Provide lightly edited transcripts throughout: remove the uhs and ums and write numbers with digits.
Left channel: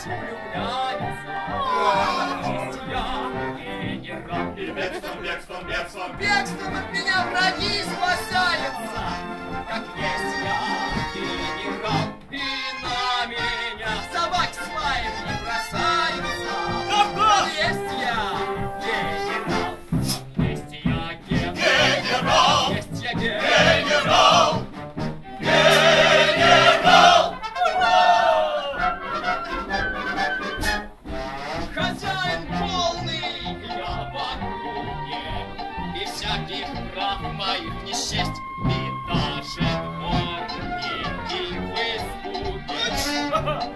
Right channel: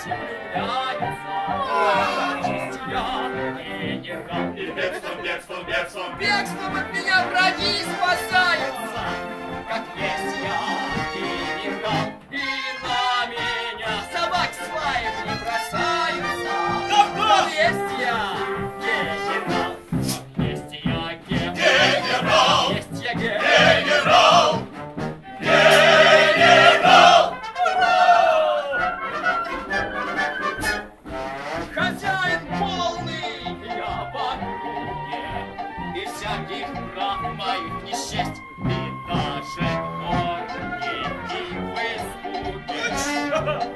есть влюбляются. Есть я генерал. И бегством, бегством, бегством. Бегством от меня враги спасаются. Как есть я генерал. И на меня собаки с лаем не бросаются. Как есть я генерал. Как есть я генерал. Есть я генерал. Генерал! Хозяин полный, я в округе, и всяких прав моих не счесть, и даже дворники в испуге.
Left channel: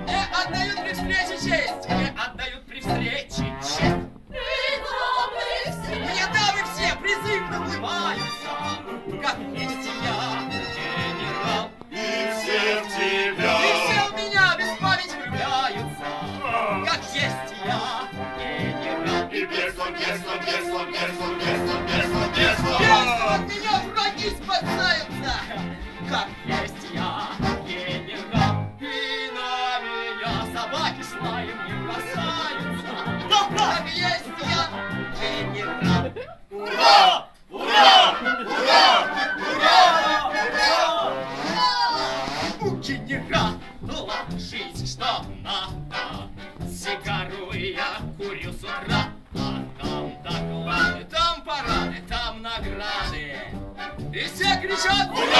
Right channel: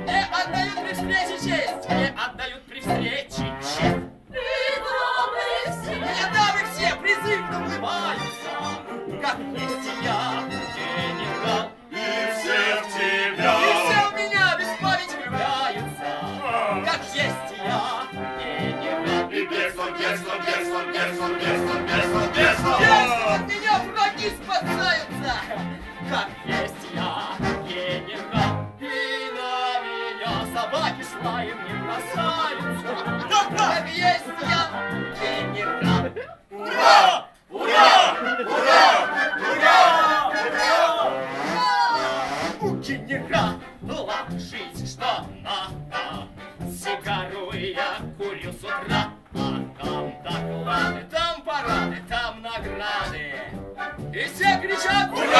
Мне отдают при встрече честь, мне отдают при встрече честь. Мне дамы все призывно улыбаются, как есть я генерал. И все в тебя. И все в меня без памяти влюбляются, как есть я генерал. И бегством, бегством, бегством, бегством, бегством, бегством, бегством. Бегством от меня враги спасаются, как есть я генерал. И на меня собаки с лаем не бросаются, как есть я генерал. Ура! Ура! Ура! Ура! У генерала жизнь что надо. Сигару я курю с утра. А там доклады, там парады, там награды. И все кричат: ура!